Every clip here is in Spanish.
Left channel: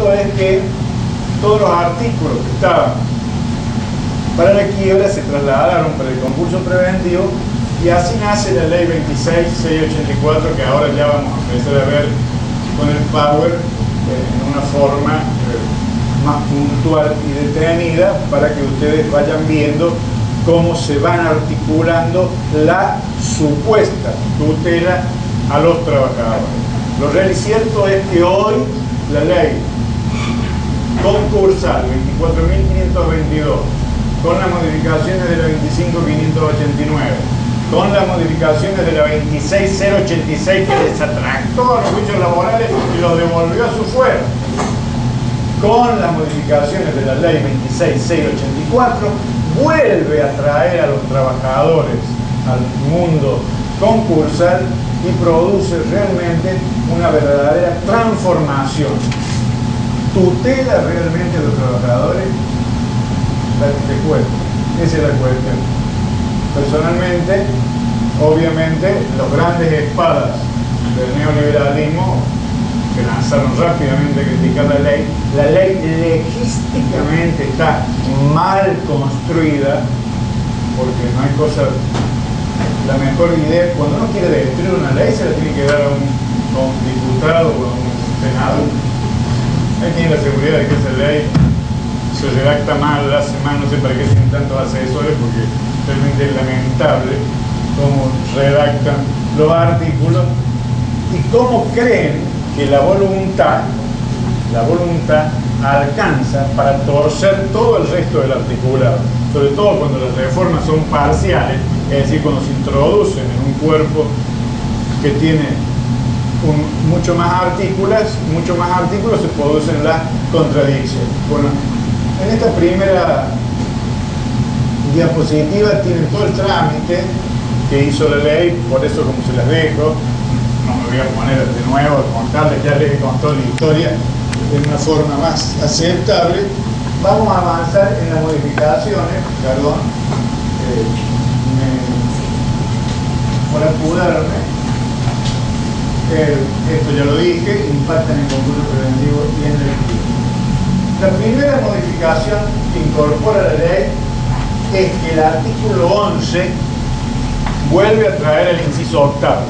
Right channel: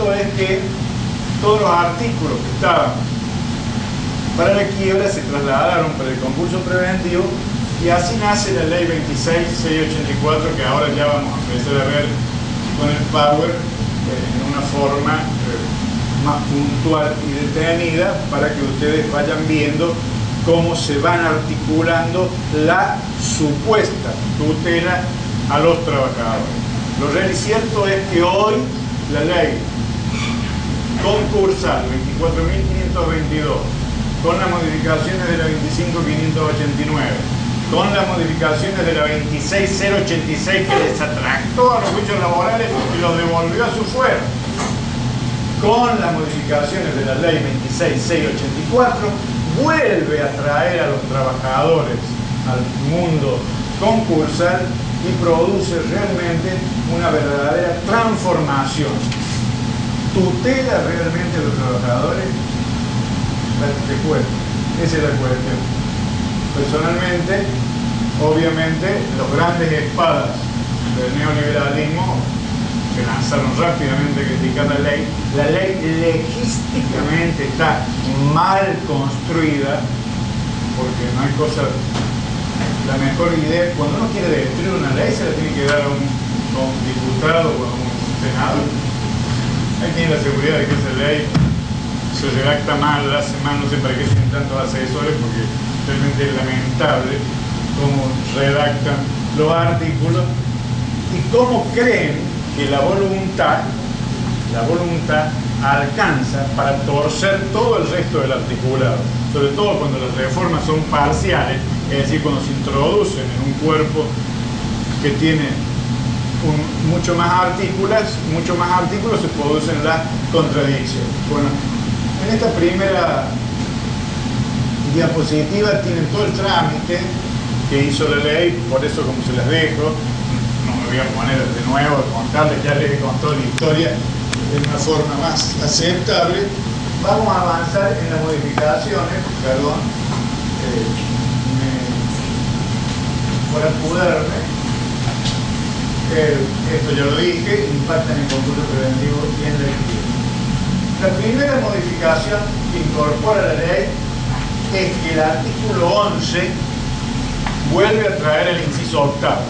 cierto es que todos los artículos que estaban para la quiebra se trasladaron para el concurso preventivo y así nace la ley 26.684 que ahora ya vamos a empezar a ver con el Power en una forma más puntual y detenida para que ustedes vayan viendo cómo se van articulando la supuesta tutela a los trabajadores. Lo real y cierto es que hoy la ley concursal 24.522 con las modificaciones de la 25.589 con las modificaciones de la 26.086 que desatractó a los juicios laborales y los devolvió a su fuero, con las modificaciones de la ley 26.684 vuelve a traer a los trabajadores al mundo concursal y produce realmente una verdadera transformación. ¿Tutela realmente a los trabajadores? Te cuento, esa es la cuestión. Personalmente, obviamente, los grandes espadas del neoliberalismo que lanzaron rápidamente a criticar la ley logísticamente está mal construida, porque no hay cosa, la mejor idea, cuando uno quiere destruir una ley se la tiene que dar a un diputado o a un senador. Hay que tener la seguridad de que esa ley se redacta mal, la hace mal, no sé para qué tienen tantos asesores, porque realmente es lamentable cómo redactan los artículos y cómo creen que la voluntad alcanza para torcer todo el resto del articulado, sobre todo cuando las reformas son parciales, es decir, cuando se introducen en un cuerpo que tiene mucho más artículos se producen las contradicciones. Bueno, en esta primera diapositiva tienen todo el trámite que hizo la ley, por eso como se las dejo, no me voy a poner de nuevo a contarles, ya les he contado la historia de una forma más aceptable. Vamos a avanzar en las modificaciones, perdón, por apurarme. Esto ya lo dije, impacta en el concurso preventivo y en el equilibrio. La primera modificación que incorpora la ley es que el artículo 11 vuelve a traer el inciso octavo.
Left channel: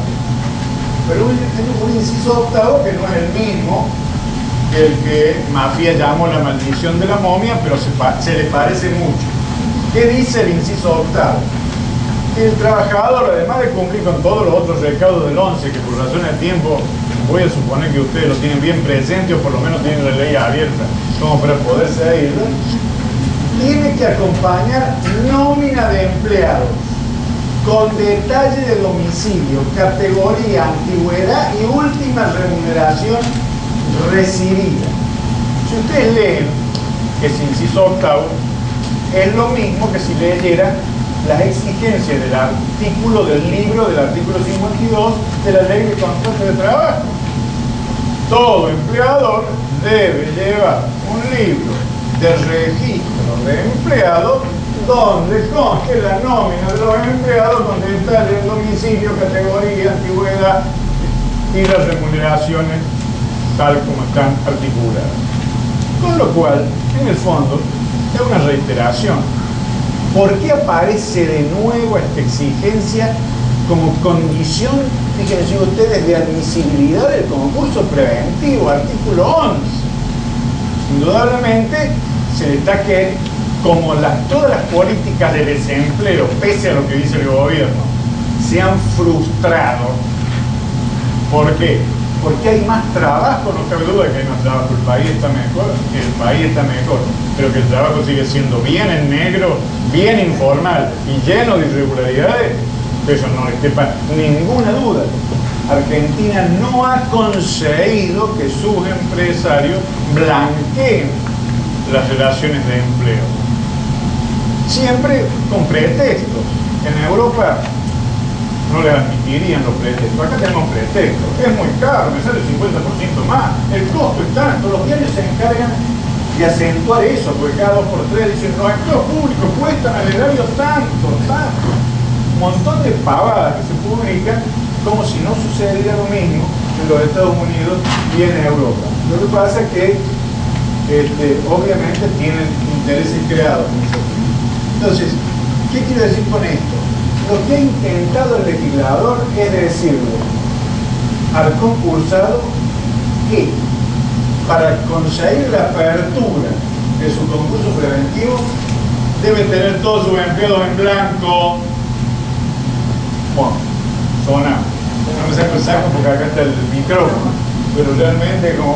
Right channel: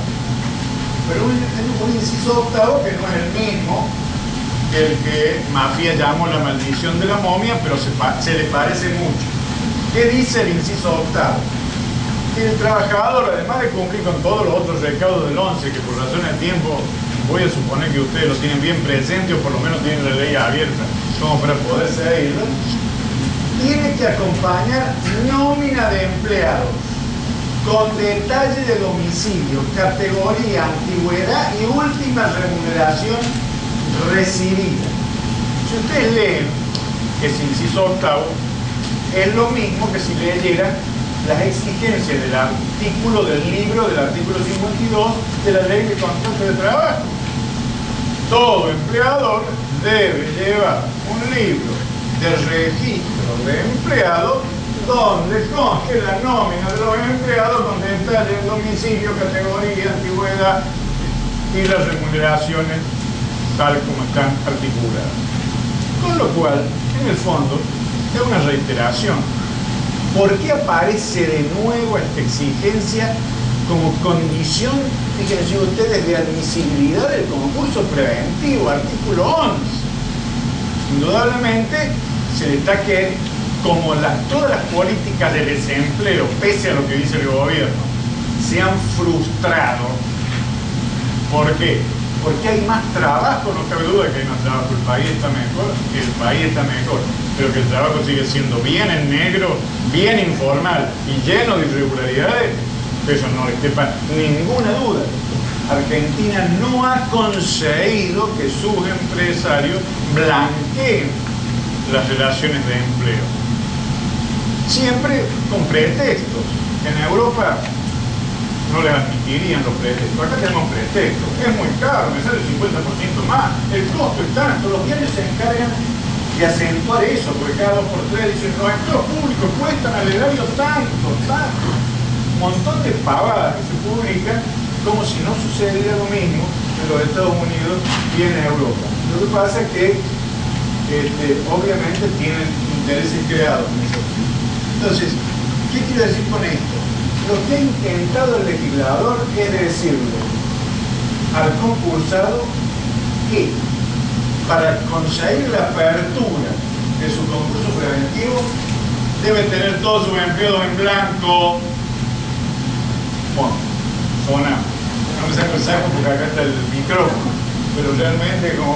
Pero un inciso octavo que no es el mismo que el que Mafia llamó la maldición de la momia, pero se le parece mucho. ¿Qué dice el inciso octavo? Que el trabajador, además de cumplir con todos los otros recaudos del 11, que por razón de tiempo voy a suponer que ustedes lo tienen bien presente o por lo menos tienen la ley abierta como para poder seguirlo, tiene que acompañar nómina de empleados con detalle de domicilio, categoría, antigüedad y última remuneración recibida. Si ustedes leen ese inciso octavo, es lo mismo que si leyeran las exigencias del artículo del libro, del artículo 52 de la ley de contrato de trabajo. Todo empleador debe llevar un libro de registro de empleados donde conste la nómina de los empleados con detalle de domicilio, categoría, antigüedad y las remuneraciones tal como están articuladas. Con lo cual, en el fondo, es una reiteración. ¿Por qué aparece de nuevo esta exigencia como condición, fíjense ustedes, de admisibilidad del concurso preventivo, artículo 11? Indudablemente se destaque como todas las políticas de desempleo, pese a lo que dice el gobierno, se han frustrado. ¿Por qué? Porque hay más trabajo, no cabe duda que hay más trabajo, el país está mejor, pero que el trabajo sigue siendo bien en negro, bien informal y lleno de irregularidades, eso no les quepa ninguna duda. Argentina no ha conseguido que sus empresarios blanqueen las relaciones de empleo. Siempre con pretextos. En Europa no les admitirían los pretextos. Acá tenemos pretextos. Es muy caro, me sale el 50% más. El costo es tanto. Los diarios se encargan de acentuar eso, porque cada 2 por 3 dicen los empleos públicos cuestan al erario tanto. Un montón de pavadas que se publican como si no sucediera lo mismo en los Estados Unidos y en Europa. Lo que pasa es que obviamente tienen intereses creados en ese sentido. Entonces, ¿qué quiero decir con esto? Lo que ha intentado el legislador es decirle al concursado que para conseguir la apertura de su concurso preventivo debe tener todos sus empleados en blanco. Bueno, zona. No me saco el saco porque acá está el micrófono, pero realmente como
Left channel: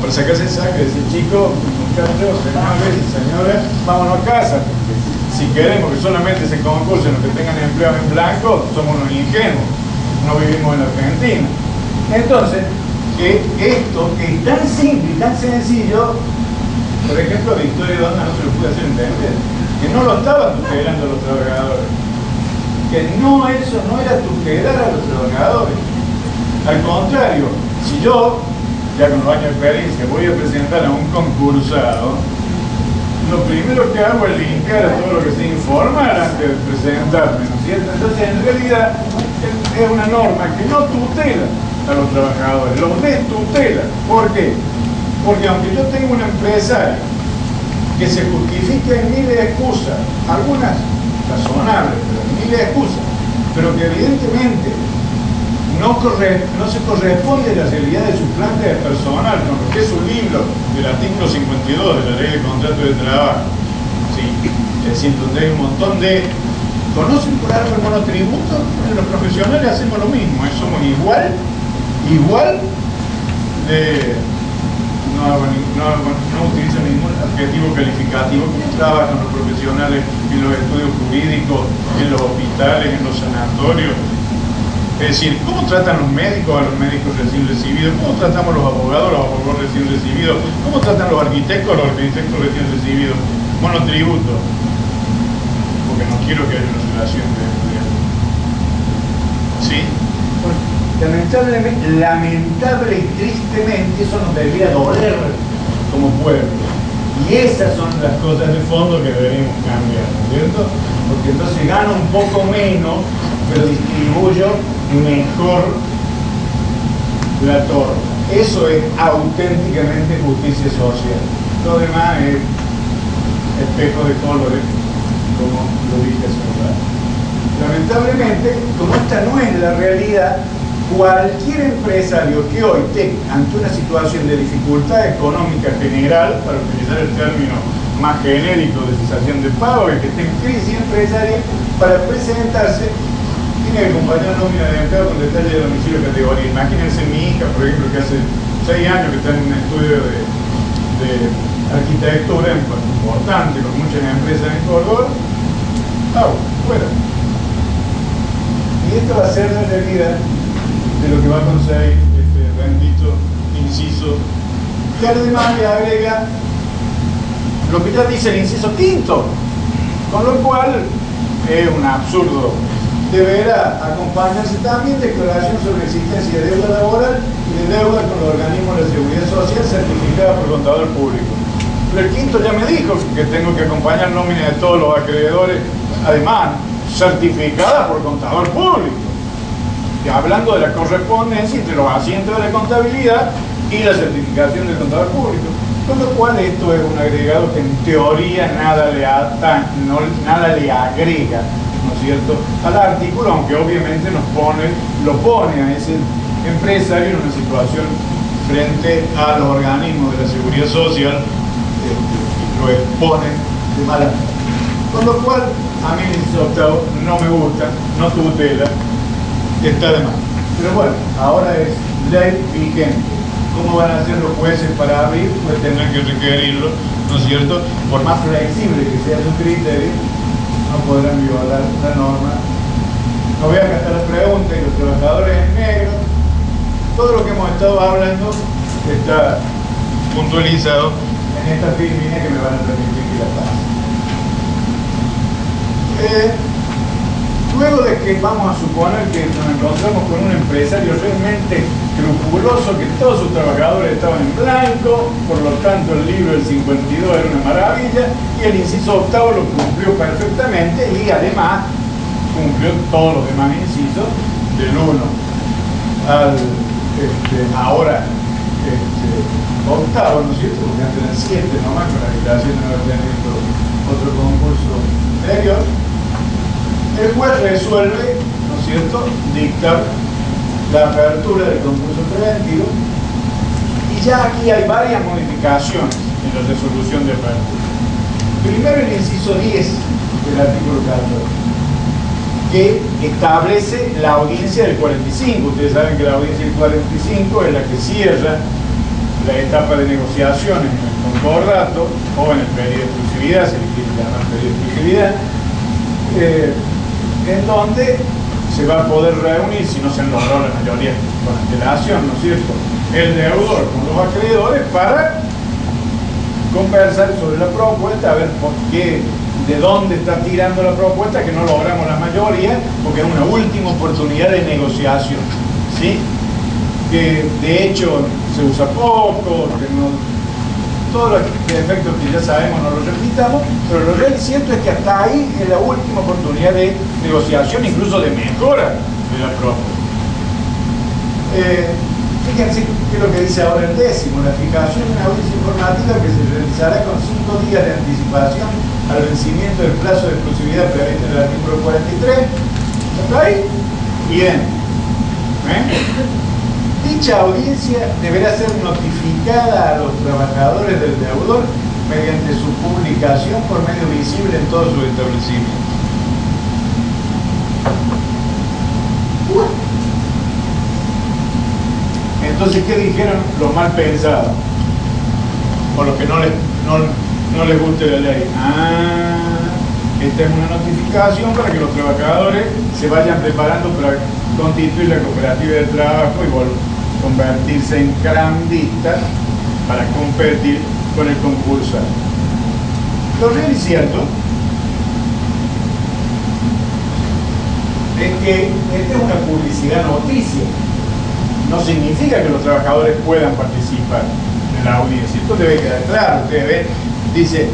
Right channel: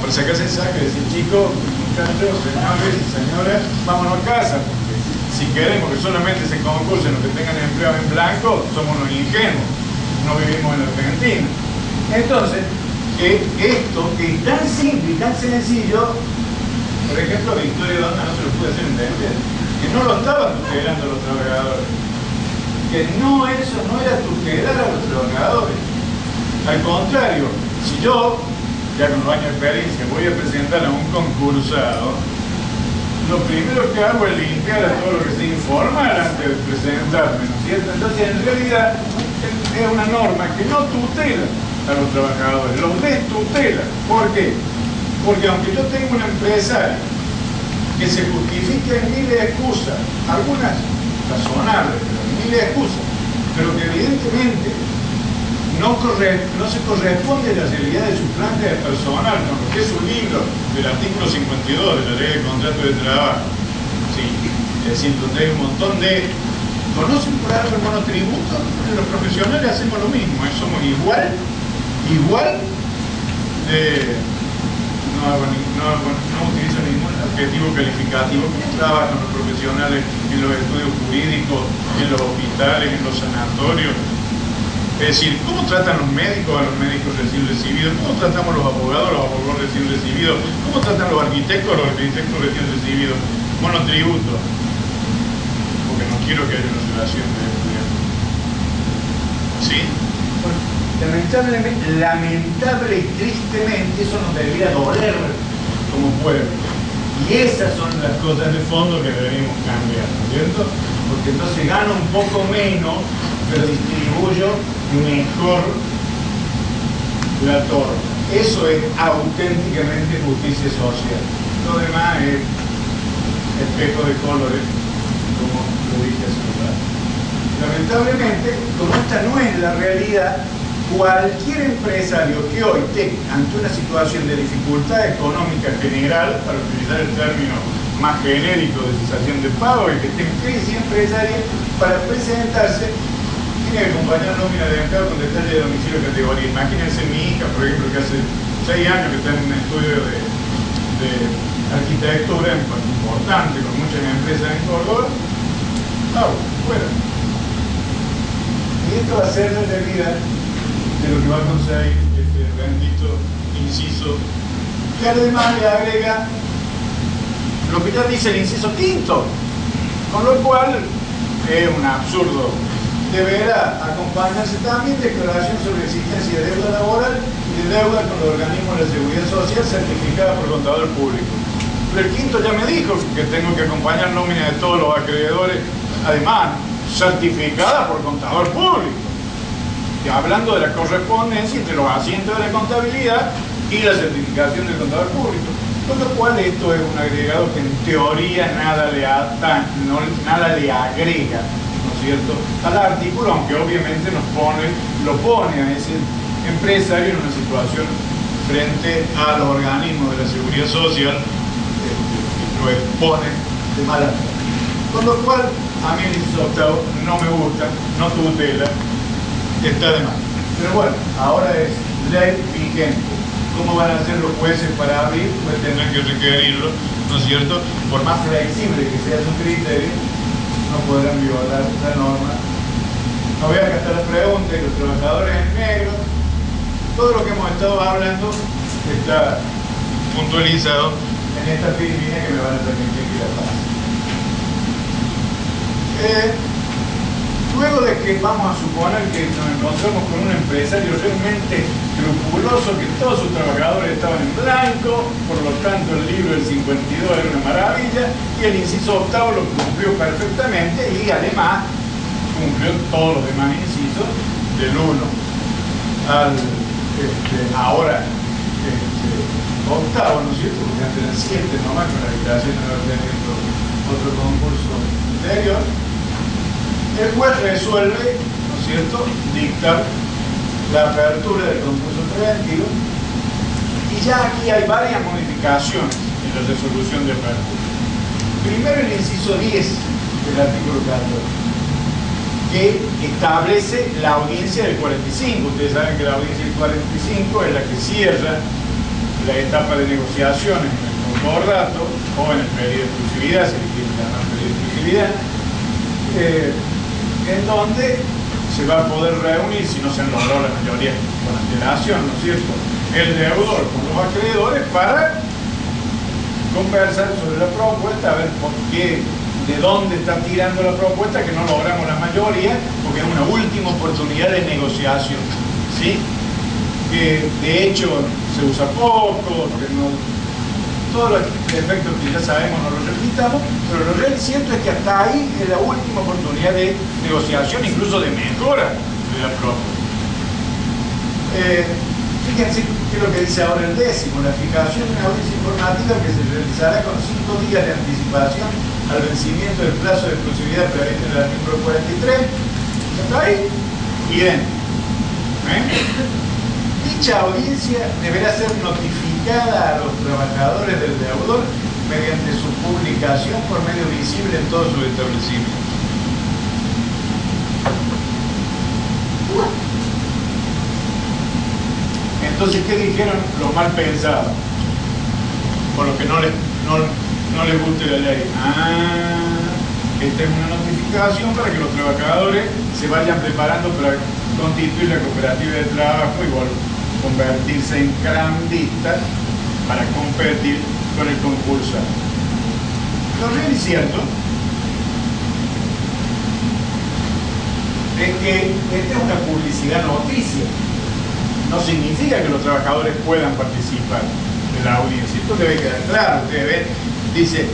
para sacarse el saco y decir, chicos, muchachos, señores y señoras, vámonos a casa, porque si queremos que solamente se concursen los que tengan empleados en blanco, somos unos ingenuos, no vivimos en Argentina. Entonces, esto que es tan simple y tan sencillo, por ejemplo, Victoria Donda no se lo pude hacer entender, que no lo estaban tutelando a los trabajadores, que no, eso no era tutelar a los trabajadores. Al contrario, si yo, ya con los años de experiencia, voy a presentar a un concursado, lo primero que hago es limpiar a todo lo que se informa antes de presentarme, ¿no es cierto? Entonces, en realidad, es una norma que no tutela a los trabajadores, los destutela. ¿Por qué? Porque aunque yo tenga una empresaria que se justifique en miles de excusas, algunas razonables, pero en miles de excusas, pero que evidentemente no se corresponde a la realidad de su planta de personal, con lo que es su libro del artículo 52 de la Ley de Contrato de Trabajo. ¿Sí? Es decir, donde hay un montón de... ¿Conocen por algo el monotributo? Los profesionales hacemos lo mismo, somos igual de... No utilizo ningún adjetivo calificativo, como trabajan los profesionales en los estudios jurídicos, en los hospitales, en los sanatorios. Es decir, ¿cómo tratan los médicos a los médicos recién recibidos? ¿Cómo tratamos los abogados recién recibidos? ¿Cómo tratan los arquitectos a los arquitectos recién recibidos? Monotributo. Porque no quiero que haya una relación de estudiantes. ¿Sí? Lamentable y tristemente eso nos debería doler como pueblo. Y esas son las cosas de fondo que deberíamos cambiar, ¿no es cierto? Porque entonces gano un poco menos, pero distribuyo mejor la torta. Eso es auténticamente justicia social. Lo demás es espejo de colores, como lo dije hace un rato. Lamentablemente, como esta no es la realidad, cualquier empresario que hoy esté ante una situación de dificultad económica general, para utilizar el término más genérico de cesación de pago, el que esté en crisis empresaria, para presentarse, tiene que acompañar nómina de empleado con detalle de domicilio de categoría. Imagínense mi hija, por ejemplo, que hace 6 años que está en un estudio de arquitectura importante, con muchas empresas en Córdoba. Fuera. Y esto va a ser la realidad de lo que va a conseguir este bendito inciso, que además le agrega lo que ya dice el inciso quinto, con lo cual es un absurdo. Deberá acompañarse también declaración sobre existencia de deuda laboral y de deuda con los organismos de la seguridad social certificada por contador público. Pero el quinto ya me dijo que tengo que acompañar nómina de todos los acreedores, además certificada por contador público. Y hablando de la correspondencia entre los asientos de la contabilidad y la certificación del contador público. Con lo cual esto es un agregado que en teoría nada le agrega, ¿no es cierto?, al artículo, aunque obviamente lo pone a ese empresario en una situación frente a los organismos de la seguridad social, lo expone de mala manera. Con lo cual, a mí el inciso octavo no me gusta, no tutela, está de más. Pero bueno, ahora es ley vigente. ¿Cómo van a ser los jueces para abrir? Pues tendrán que requerirlo, ¿no es cierto? Por más flexible que sea su criterio, no podrán violar la norma. No voy a gastar las preguntas y los trabajadores en negro. Todo lo que hemos estado hablando está puntualizado en esta línea que me van a permitir que la pase. Luego de que vamos a suponer que nos encontramos con un empresario realmente escrupuloso, que todos sus trabajadores estaban en blanco, por lo tanto el libro del 52 era una maravilla, y el inciso octavo lo cumplió perfectamente y además cumplió todos los demás incisos del 1 al ahora octavo, ¿no es cierto? Porque antes eran 7 nomás, con la declaración de no haber tenido otro concurso anterior. El juez resuelve, ¿no es cierto?, dictar la apertura del concurso preventivo, y ya aquí hay varias modificaciones en la resolución de apertura. Primero, el inciso 10 del artículo 14, que establece la audiencia del 45. Ustedes saben que la audiencia del 45 es la que cierra la etapa de negociaciones en el concordato o en el periodo de exclusividad, se le quiere llamar periodo de exclusividad, en donde se va a poder reunir, si no se logró la mayoría con antelación, ¿no es cierto?, el deudor con los acreedores para conversar sobre la propuesta, a ver por qué, de dónde está tirando la propuesta, que no logramos la mayoría, porque es una última oportunidad de negociación, ¿sí? Que de hecho se usa poco, que no, todos los efectos que ya sabemos no los repitamos, pero lo real cierto es que hasta ahí es la última oportunidad de negociación, incluso de mejora de la propuesta. Fíjense qué es lo que dice ahora el 10º, la fijación de una audiencia informativa que se realizará con 5 días de anticipación al vencimiento del plazo de exclusividad previsto en el artículo 43. ¿Está ahí? Bien. Dicha audiencia deberá ser notificada a los trabajadores del deudor mediante su publicación por medio visible en todos sus establecimientos. Entonces, ¿qué dijeron los mal pensados? Por lo que no les guste la ley. Esta es una notificación para que los trabajadores se vayan preparando para constituir la cooperativa de trabajo y convertirse en carambistas para competir con el concursal. Lo real y cierto es que esta es una publicidad noticia. No significa que los trabajadores puedan participar de la audiencia. Esto debe quedar claro. Ustedes ven, dice,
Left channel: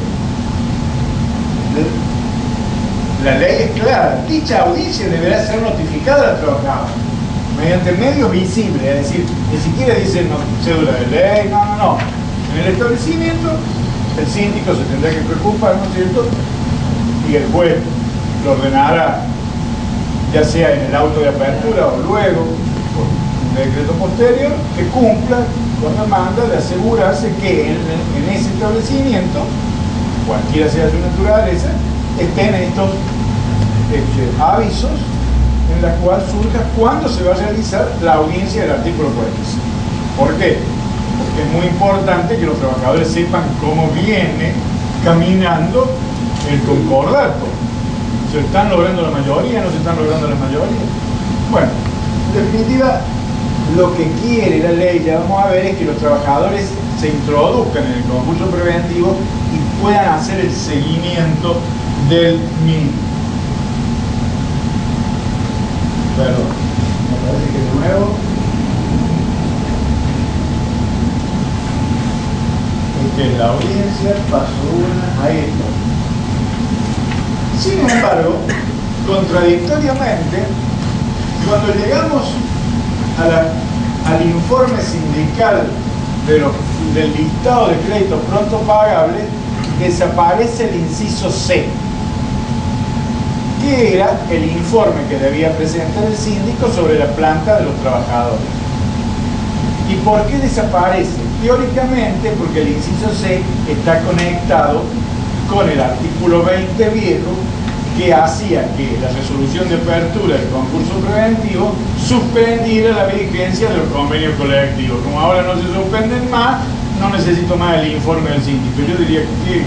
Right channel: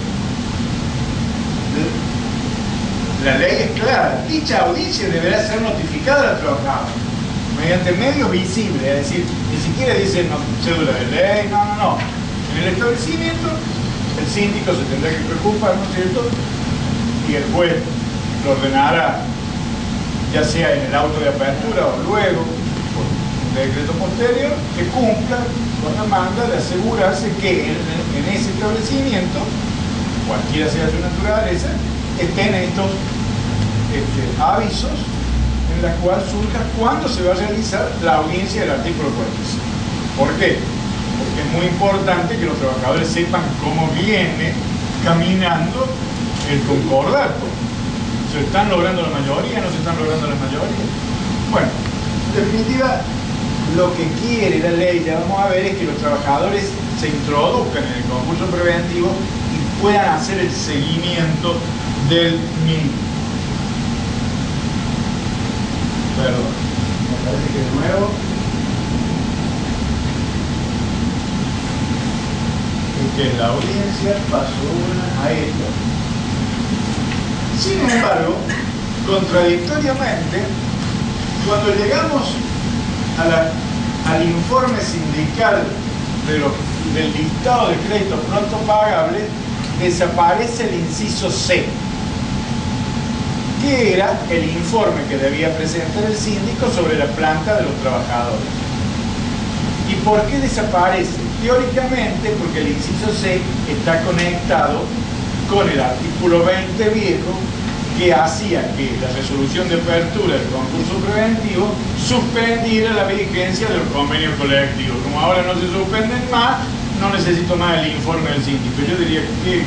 la ley es clara. Dicha audiencia deberá ser notificada al trabajador mediante medios visibles, es decir, ni siquiera dice cédula de ley, no. En el establecimiento, el síndico se tendrá que preocupar, ¿no es cierto? Y el juez lo ordenará, ya sea en el auto de apertura o luego, decreto posterior, que cumpla con la manda de asegurarse que en ese establecimiento, cualquiera sea su naturaleza, estén estos avisos en la cual surja cuándo se va a realizar la audiencia del artículo 45. ¿Por qué? Porque es muy importante que los trabajadores sepan cómo viene caminando el concordato. ¿Se están logrando la mayoría? ¿No se están logrando la mayoría? Bueno, en definitiva, lo que quiere la ley, ya vamos a ver, es que los trabajadores se introduzcan en el concurso preventivo y puedan hacer el seguimiento del mismo. Perdón, me parece que de nuevo es que la audiencia pasó una a esto. Sin embargo, contradictoriamente, cuando llegamos al informe sindical del listado de créditos pronto pagables, desaparece el inciso C, que era el informe que debía presentar el síndico sobre la planta de los trabajadores. ¿Y por qué desaparece? Teóricamente porque el inciso C está conectado con el artículo 20 viejo, que hacía que la resolución de apertura del concurso preventivo suspendiera la vigencia de los convenios colectivos. Como ahora no se suspenden más, no necesito más el informe del síndico. Yo diría que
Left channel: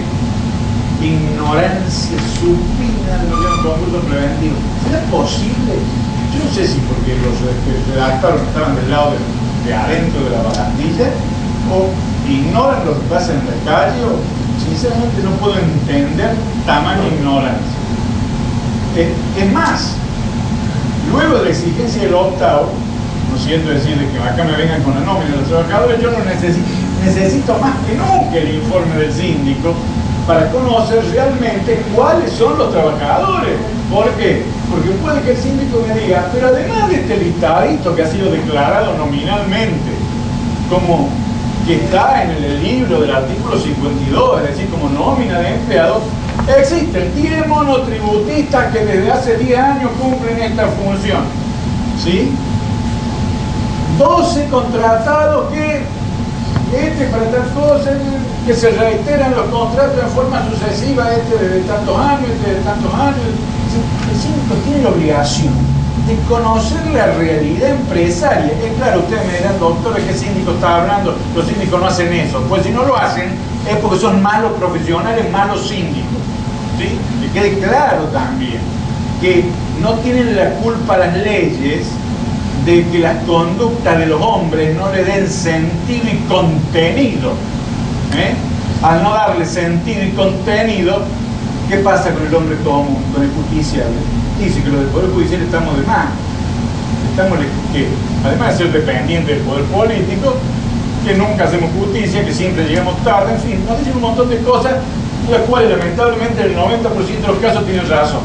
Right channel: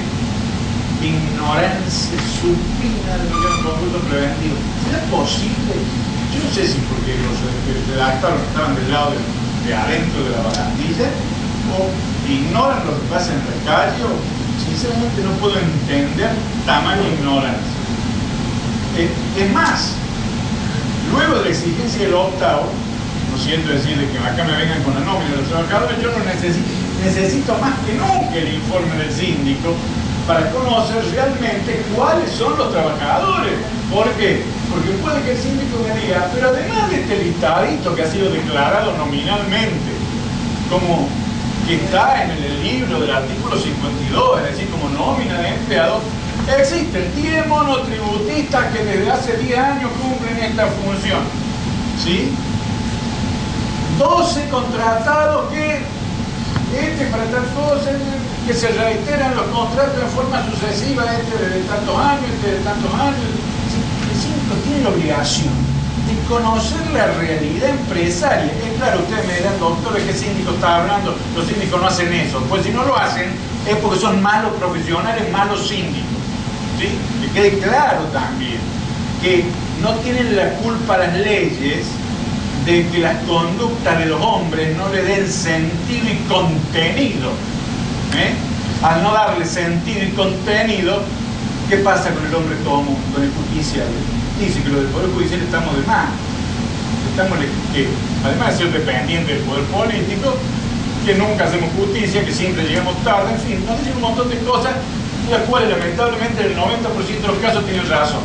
ignorancia supina de lo que es un concurso preventivo. ¿Será posible? Yo no sé si porque los redactores estaban del lado de adentro de la barandilla, o ignoran lo que pasa en la calle, o sinceramente no puedo entender tamaña ignorancia. Es más, luego de la exigencia del octavo, no siento decir de que acá me vengan con la nómina de los trabajadores, yo no necesito más que nunca el informe del síndico para conocer realmente cuáles son los trabajadores. ¿Por qué? Porque puede que el síndico me diga, pero además de este listadito que ha sido declarado nominalmente como que está en el libro del artículo 52, es decir, como nómina de empleados, existen 10 monotributistas que desde hace 10 años cumplen esta función, ¿sí? 12 contratados que para tal cosa, que se reiteran los contratos en forma sucesiva, de tantos años, de tantos años. El síndico tiene la obligación de conocer la realidad empresaria. Es claro, ustedes me dirán, doctor, ¿de qué síndico está hablando? Los síndicos no hacen eso. Pues si no lo hacen, es porque son malos profesionales, malos síndicos, ¿sí? Que quede claro también que no tienen la culpa las leyes de que las conductas de los hombres no le den sentido y contenido. Al no darle sentido y contenido, ¿qué pasa con el hombre común, con el justiciable? Dice que los del Poder Judicial estamos de más. Estamos que, además de ser dependientes del poder político, que nunca hacemos justicia, que siempre llegamos tarde, en fin, nos dicen un montón de cosas, las cuales lamentablemente en el 90% de los casos tienen razón.